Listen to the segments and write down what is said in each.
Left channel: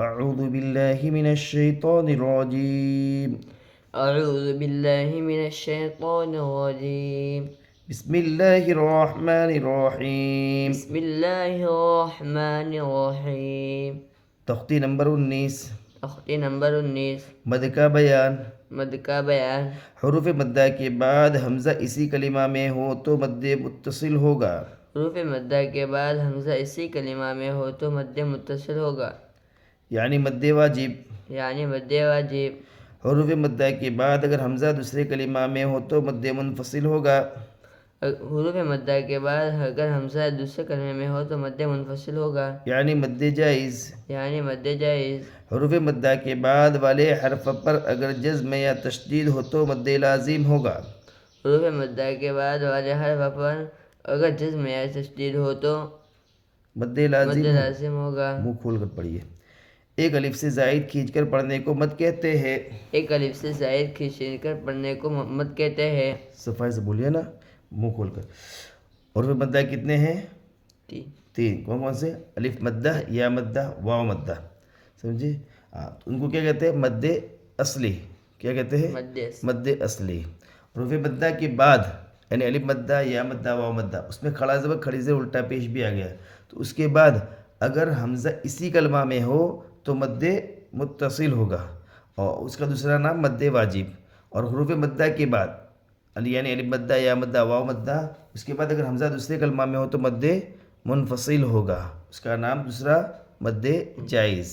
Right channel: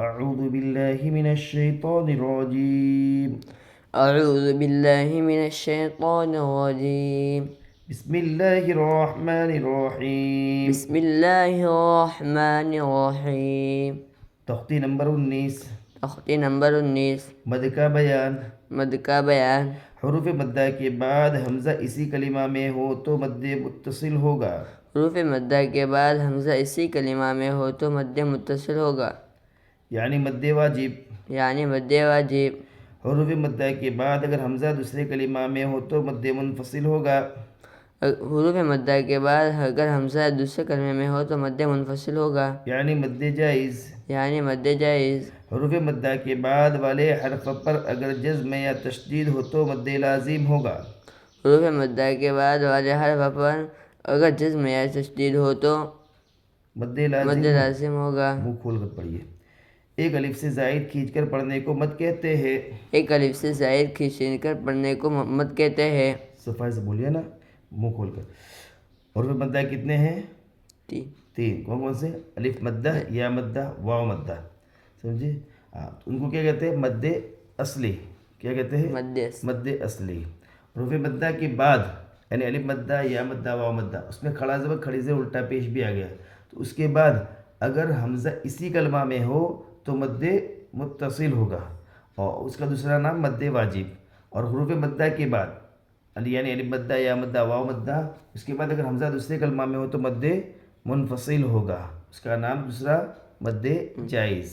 أعوذ بالله من الشيطان الرجيم. أعوذ بالله من الشيطان الرجيم. بسم الله الرحمن الرحيم. بسم الله الرحمن الرحيم. تخطي نمبر 19. تخطی نمبر 19. مد کا بیان. مد کا بیان. حروف مدہ کے بعد حمزہ اسی کلمہ میں ہو تو مد متصل ہوگا. حروف مدہ کے بعد حمزہ اسی کلمہ میں ہو تو مد متصل ہوگا، یعنی مد واجب. یعنی مد واجب. حروف مدہ کے بعد اگر حمزہ دوسرے کلمہ میں ہو تو مد منفصل ہوگا. حروف مدہ کے بعد اگر حمزہ دوسرے کلمے میں ہو تو مد منفصل ہوگا، یعنی مد جائز. یعنی مد جائز. حروف مدہ کے بعد والے حرف پر اگر جزم یا تشدید ہو تو مد لازم ہوگا. حروف مدہ کے بعد والے حرف پر اگر جزم یا تشدید ہو تو مد مد لازم لازم ہوگا. منہ کھول کر پڑھیے. ایک الف سے زائد کھینچ کر پڑھنے کو مد کہتے ہیں. ایک الف سے زائد کھینچ کر پڑھنے کو مد کہتے ہیں. صفائی سے بولیے نا، منہ کھول کر. حروف مدہ کتنے ہیں؟ تین. کون کون سے؟ الف مدہ، یا مدہ، واو مدہ. سمجھے؟ ان کو کیا کہتے ہیں؟ مد اصلی. کیا کہتے ہیں؟ مد اصلی. حروف مدہ کے بعد یعنی الف مدہ، یا مدہ، واو مدہ، اس میں کھڑا زبر کھڑی زبر الٹا پیش بھی آ گیا، تو اس کے بعد اگر حمزہ اسی کلمہ میں ہو تو مد متصل ہوگا، اور اس کا دوسرا نام مد واجب. اور حروف مدہ کے بعد یعنی الف مدہ، یا مدہ، واو مدہ، اس کے بعد اگر حمزہ دوسرے کلمہ میں ہو تو مد منفصل ہوگا، اس کا نام دوسرا مد جائز.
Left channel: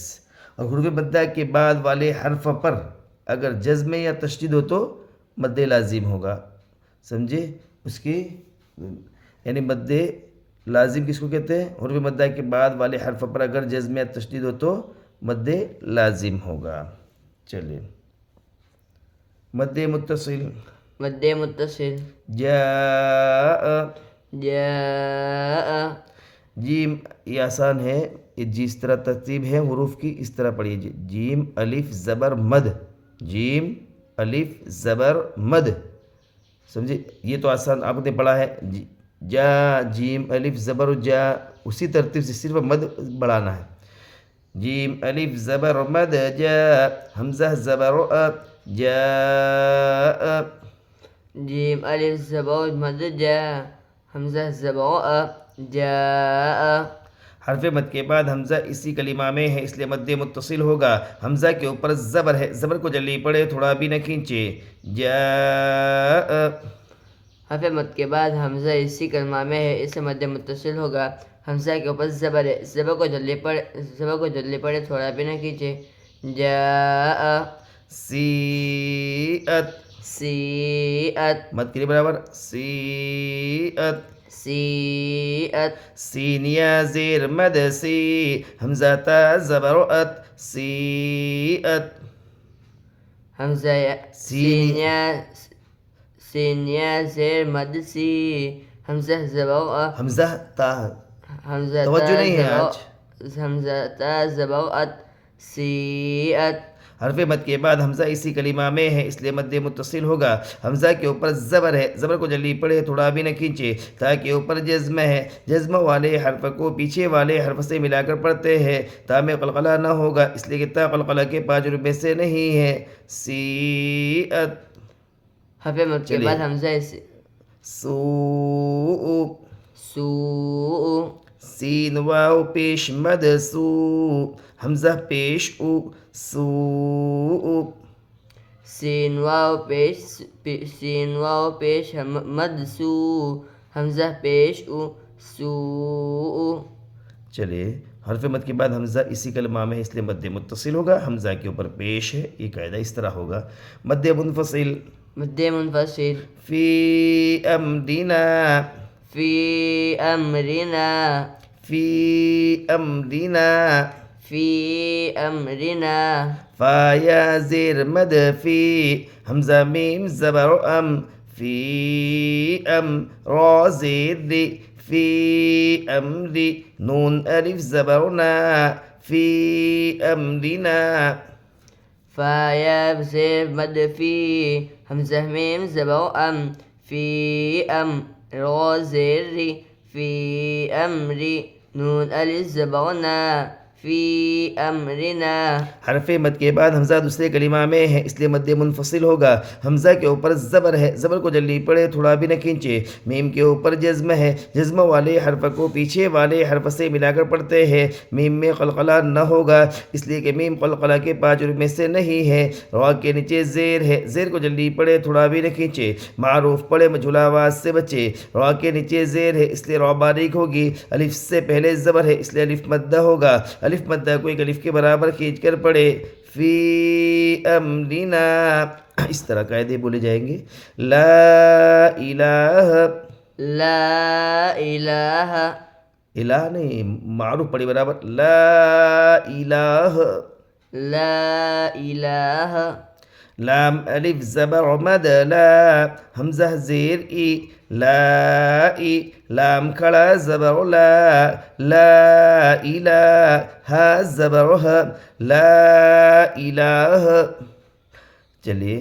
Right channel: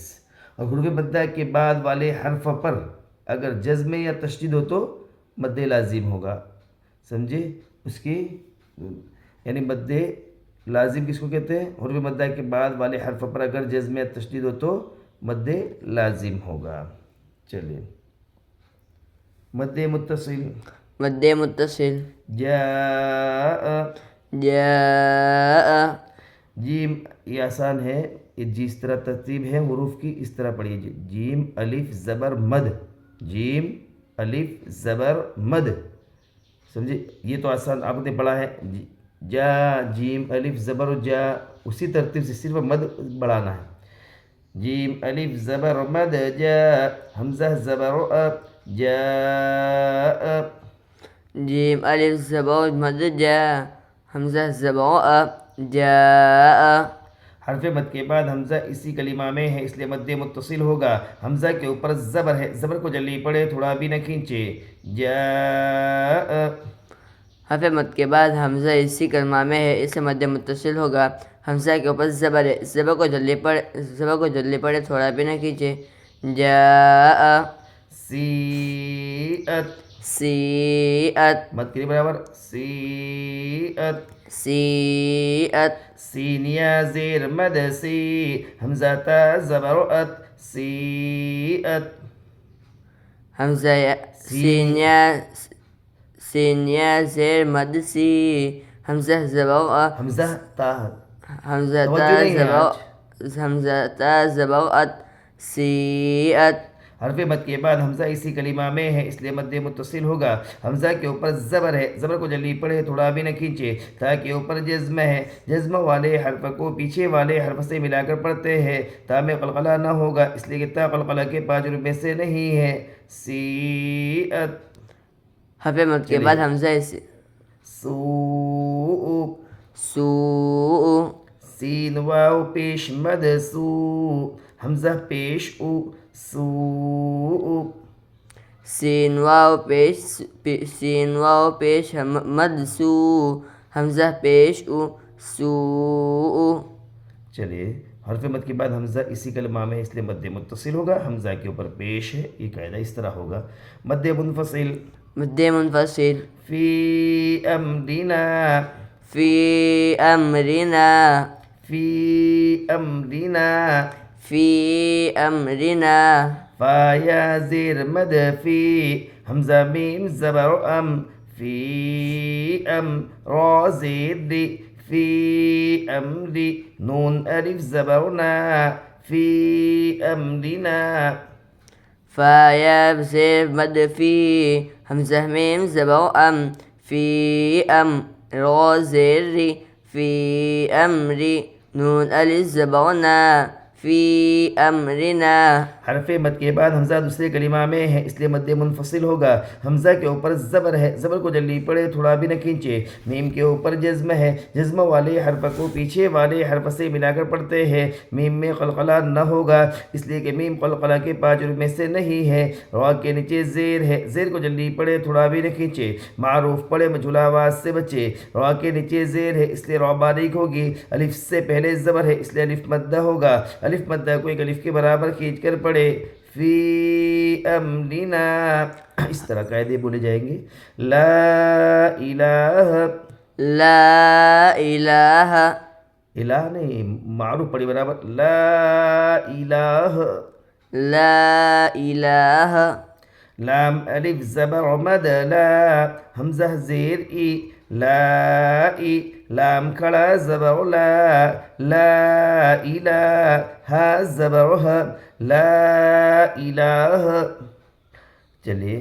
اور حروف مدہ کے بعد والے حرف پر اگر جزم یا تشدید ہو تو مد لازم ہوگا. سمجھے؟ اس کی یعنی مد لازم کس کو کہتے ہیں؟ حروف مدہ کے بعد والے حرف پر اگر جزم یا تشدید ہو تو مد لازم ہوگا. چلیے. مد متصل. مد متصل. جاء. جاء. جیم یہ آسان ہے، جس طرح ترتیب ہے حروف کی اس طرح پڑھیے. جیم الف زبر مد. جیم الف زبر مد. سمجھے؟ یہ تو آسان آپ نے پڑھا ہے. جا جیم الف زبر جا، اسی ترتیب سے صرف مد بڑھانا ہے. جیم الف زبر مد جا، حمزہ زبر جا. جیم الف زبر مد جا، حمزہ زبر جاء. حرف مد کے بعد حمزہ اسی کلمہ میں ہے اس لیے مد متصل ہوگا. حمزہ کے اوپر زبر ہے، زبر کو جلدی پڑھے، تھوڑا بھی نہ کھینچے. جاء. حرف مد کے بعد حمزہ اسی کلمہ میں ہے اس سے مد متصل ہوگا. حمزہ کے اوپر زبر ہے، زبر کو جلدی پڑھے، تھوڑا بھی نہ کھینچے. جاء. سیئت. سیئت. مد کے لیے برابر. سیئت. سیئت. سین یا زیر مد سی، حمزہ تا زبر ات. سیئت. حمزہ سین یا زیر مد سی، حمزہ زبر حمزہ تا. حمزہ توجہ نہیں ہے آج. حمزہ تا زبر ات. سیئت. حرف مد کے بعد حمزہ اسی کلمہ میں ہے اس لیے مد متصل ہوگا. حمزہ کے اوپر زبر ہے، زبر کو جلدی پڑھے، تھوڑا بھی نہ کھینچے. تا کے اوپر جزم ہے، جزم والے حرف کو پیچھے والے حرف سے ملا کر پڑھتے ہیں. تا میں قلقلہ نہ ہوگا اس لیے کہ تا قلقلہ کے 5 روپے سے نہیں ہے. سیئت. حرف مد کے بعد حمزہ سوء. سوء. سین واو پیش مد سو، حمزہ پیش او. سوء. سین واو پیش مد سو، حمزہ پیش او. سوء. چلیے. حرف مد کے بعد حمزہ اسی کلمہ میں ہے اس لیے مد متصل ہوگا. حمزہ کے اوپر پیش ہے، یہ قاعدہ اس طرح ہوگا. مد منفصل. مد منفصل. فی امرنا. فی امرنا. فی امرنا. فی امرنا. فا یا زیر مد فی، حمزہ میم زبر ام. فی ام را زیر دی. فی امری نون الف زبر نا. فی امرنا. فا یا زیر مد فی، حمزہ میم زبر ام. فی ام را زیر ری. فی امری نون الف زبر نا. فی امرنا. حرف مد کے بعد حمزہ دوسرے کلمہ میں ہے اس لیے مد منفصل ہوگا. حمزہ کے اوپر زبر ہے, زبر کو جلدی پڑے تھوڑا بھی نہ کھینچے. میم کے اوپر جزم ہے, جزم والے حرف کو پیچھے والے حرف سے ملا کر پڑھتے ہیں. میم میں قلقلہ نہ ہوگا اس لیے کہ میم قلقلہ کے 5 حروف میں سے نہیں ہے. را کے نیچے زیر ہے, زیر کو جلدی پڑے تھوڑا بھی نہ کھینچے. معروف پڑھے مجھولا آواز سے بچے. را کے نیچے زیر ہے اس لیے را باریک ہوگی. الف سے پہلے زبر ہے اس لیے الف مدہ ہوگا. الف مدہ کو ایک الف کے برابر کھینچ کر پڑھے. فی امرنا, اس طرح قاعدے بولے جائیں گے. لا الہ, لا الہ, الہ نہیں, معروف پڑھی برابر. لا الہ. لا الہ. لام الف زبر مد لا, حمزہ زیر ای, لا ای, لام کھڑا زبر لا, لا الہ, ہا زبر ہ, لا الہ. چلیے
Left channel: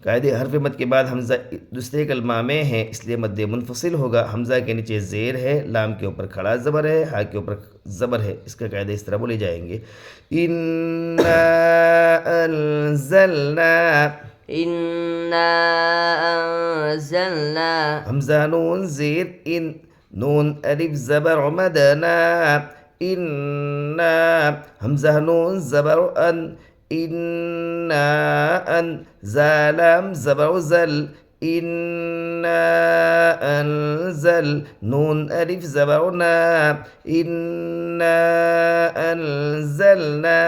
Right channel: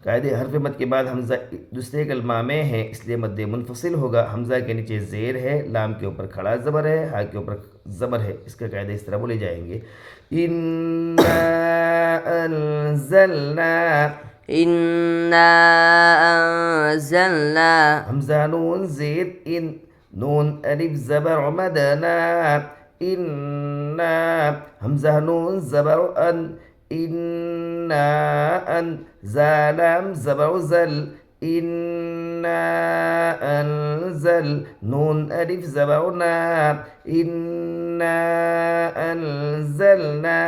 قاعدے حرف مد کے بعد حمزہ دوسرے کلمہ میں ہے اس لیے مد منفصل ہوگا. حمزہ کے نیچے زیر ہے, لام کے اوپر کھڑا زبر ہے, ہا کے اوپر زبر ہے. اس کا قاعدے اس طرح بولے جائیں گے. انا انزلنا, انا انزلنا. حمزہ نون زیر ان, نون الف زبر مدنا. انا, حمزہ نون زبر ان, انا ان, زالام زبر زل, انا انزل, نون الف زبر نا, انا انزلنا.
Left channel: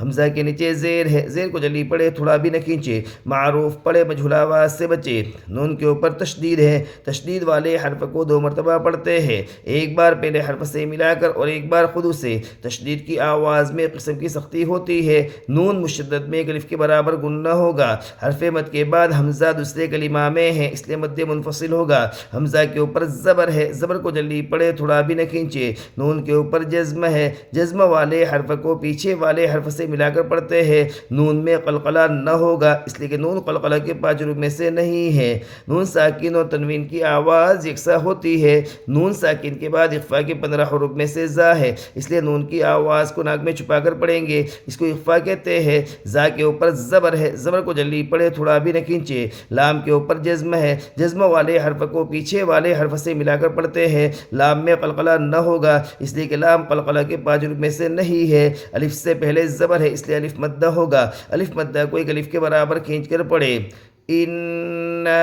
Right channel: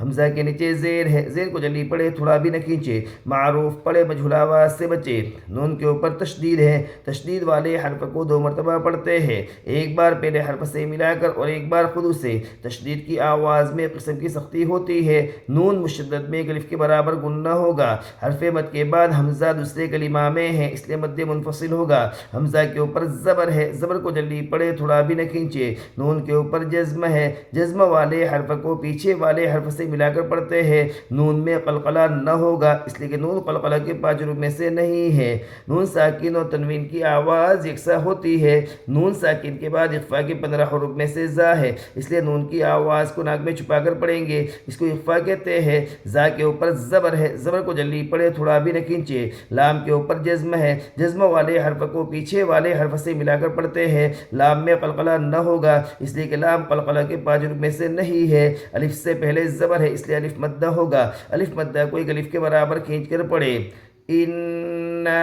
حمزہ کے نیچے زیر ہے, زیر کو جلدی پڑھے تھوڑا بھی نہ کھینچے. معروف پڑھے مجھولا آواز سے بچے. نون کے اوپر تشدید ہے, تشدید والے حرف کو 2 مرتبہ پڑھتے ہیں, ایک بار پہلے حرف سے ملا کر اور ایک بار خود سے. تشدید کی آواز میں قسم کی سختی ہوتی ہے. نون مشدد میں ایک الف کے برابر گننا ہوگا. حرف مد کے بعد حمزہ دوسرے کلمہ میں ہے اس لیے مد منفصل ہوگا. حمزہ کے اوپر زبر ہے, زبر کو جلدی پڑھے تھوڑا بھی نہ کھینچے. نون کے اوپر جزم ہے, جزم والے حرف کو پیچھے والے حرف سے ملا کر پڑھتے ہیں. نون میں قلقلہ نہ ہوگا اس لیے کہ نون قلقلہ کے 5 حروف میں سے نہیں ہے. نون ساکن اور تنوین کی آواز یکساں ہوتی ہے. نون ساکن کے بعد اخفا کے 15 حروف میں سے زا ہے اس لیے نون کی آواز کو ناک میں چھپا کر پڑھیں گے, اس کو اخفا کہتے ہیں. زا کے اوپر زبر ہے, زبر کو جلدی پڑھے تھوڑا بھی نہ کھینچے. لام کے اوپر جزم ہے, جزم والے حرف کو پیچھے والے حرف سے ملا کر پڑھتے ہیں. لام میں قلقلہ نہ ہوگا اس لیے کہ لام قلقلہ کے 5 حروف میں سے نہیں ہے. الف سے پہلے زبر ہے اس لیے الف مدہ ہوگا. الف مدہ کو ایک الف کے برابر کھینچ کر پڑھے. انا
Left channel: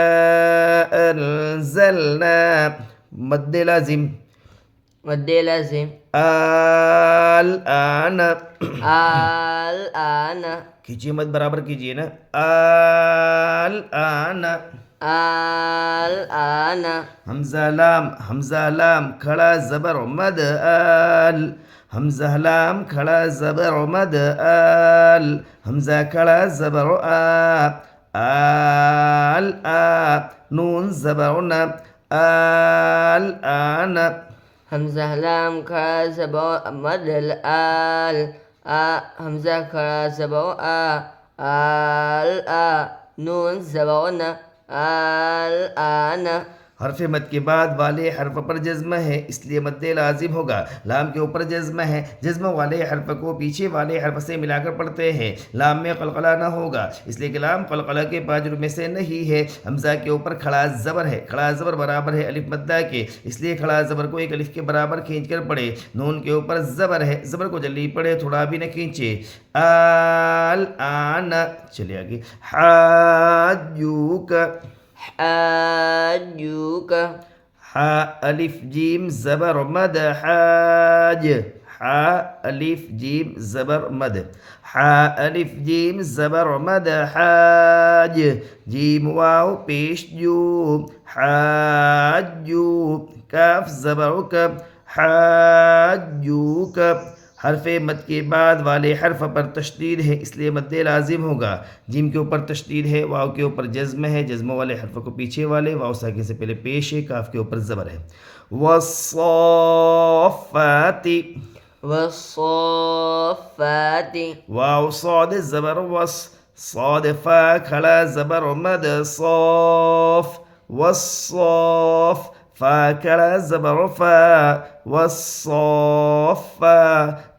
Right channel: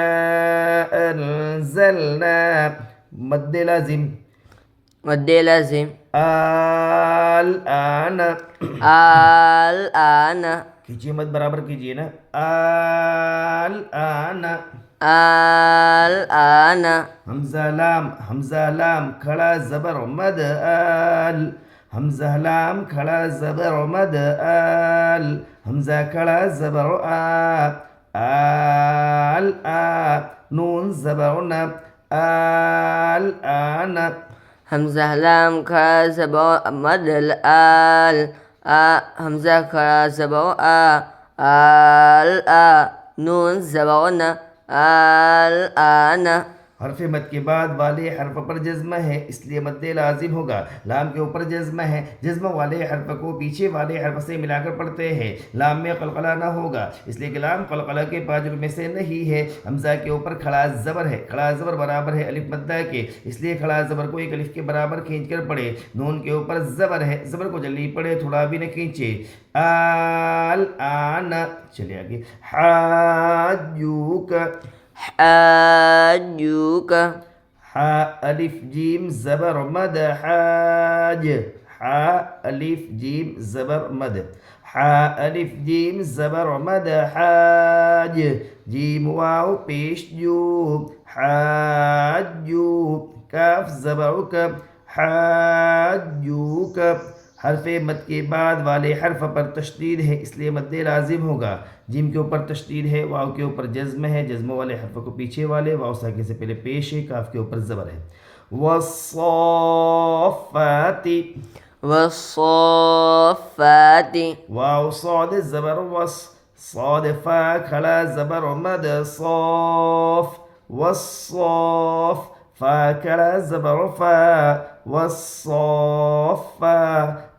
انزلنا, مد لازم, مد لازم. الآن, الآن, کھینچیے مد برابر کیجیے نا. الآن, الآن. حمزہ لام کھڑا زبر مد آل, حمزہ لام کھڑا زبر مد آل, حمزہ کھڑا زبر آ, آل آ, نون زبر نا, الآن. حمزہ لام کھڑا زبر مد آل, حمزہ کھڑا زبر آ, آل آ, نون زبر نا, الآن. حرف مد کے بعد والے حرف پر جزم ہے اس لیے مد لازم ہوگا. لام کے اوپر جزم ہے, جزم والے حرف کو پیچھے والے حرف سے ملا کر پڑھتے ہیں. لام میں قلقلہ نہ ہوگا اس لیے کہ لام قلقلہ کے 5 حروف میں سے نہیں ہے. حمزہ کے اوپر کھڑا زبر ہے, کھڑا زبر برابر ہے الف مدہ کے اس لیے کھڑا زبر کو ایک الف کے برابر کھینچ کر پڑھے. نون کے اوپر زبر ہے, زبر کو جلدی پڑھے تھوڑا بھی نہ کھینچے. الآن, چلے آگے. حاجوک, حاجوک. حا الف جیم زبر مد حاج, حا الف جیم زبر مد, حا الف جیم زبر مد حاج, جیم واو پیش جو, حاجو, کاف زبر کب, حاجوک. حرف مد کے بعد والے حرف پر تشدید ہے اس لیے مد لازم ہوگا. جیم کے اوپر تشدید ہے, واو کے اوپر جزم ہے, جزم والے حرف کو پیچھے والے واو ساکن سے پہلے پیش ہے, کاف کے اوپر زبر ہے. والصافات, والصافات. واو صاد زبر وص, صاد فا کھڑا زبر مد صاف, والصاف, فا کھڑا زبر فا, والصافا,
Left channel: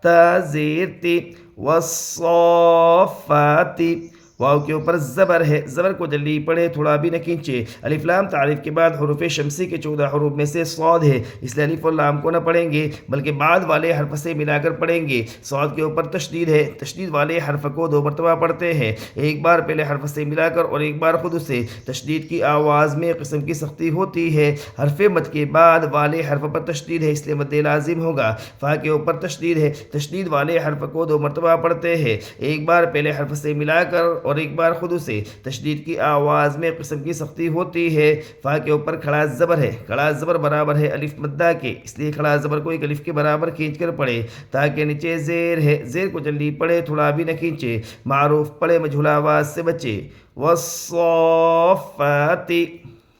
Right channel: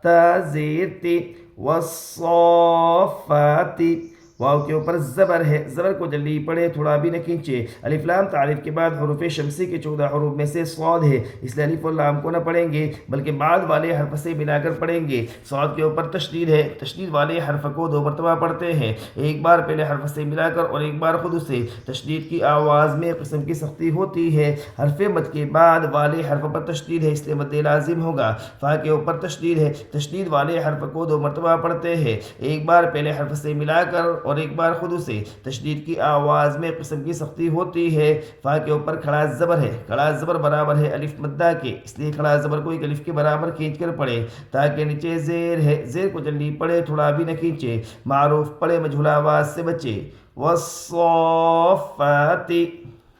تا زیر تی والصافاتی واو کے اوپر زبر ہے، زبر کو جلدی پڑھے، تھوڑا بھی نہ کھینچے۔ الف لام تعریف کے بعد حروف شمسی کے 14 حروف میں سے صاد ہے، اس لیے الف اور لام کو نہ پڑھیں گے بلکہ بعد والے حرف سے ملا کر پڑھیں گے۔ صاد کے اوپر تشدید ہے، تشدید والے حرف کو 2 مرتبہ پڑھتے ہیں، ایک بار پہلے حرف سے ملا کر اور ایک بار خود سے۔ تشدید کی آواز میں قسم کی سختی ہوتی ہے، حرف مد کے بعد والے حرف پر تشدید ہے، اس لیے مد لازم ہوگا۔ فا کے اوپر تشدید ہے، تشدید والے حرف کو 2 مرتبہ پڑھتے ہیں، ایک بار پہلے حرف سے ملا کر اور ایک بار خود سے۔ تشدید کی آواز میں قسم کی سختی ہوتی ہے۔ فا کے اوپر کھڑا زبر ہے، کھڑا زبر برابر ہے الف مدہ کے، اس لیے کھڑا زبر کو ایک الف کے برابر کھینچ کر پڑھے تاکہ نیچے زیر ہے، زیر کو جلدی پڑھے، تھوڑا بھی نہ کھینچے۔ معروف پڑھے، مجھول آواز سے بچے۔ والصافات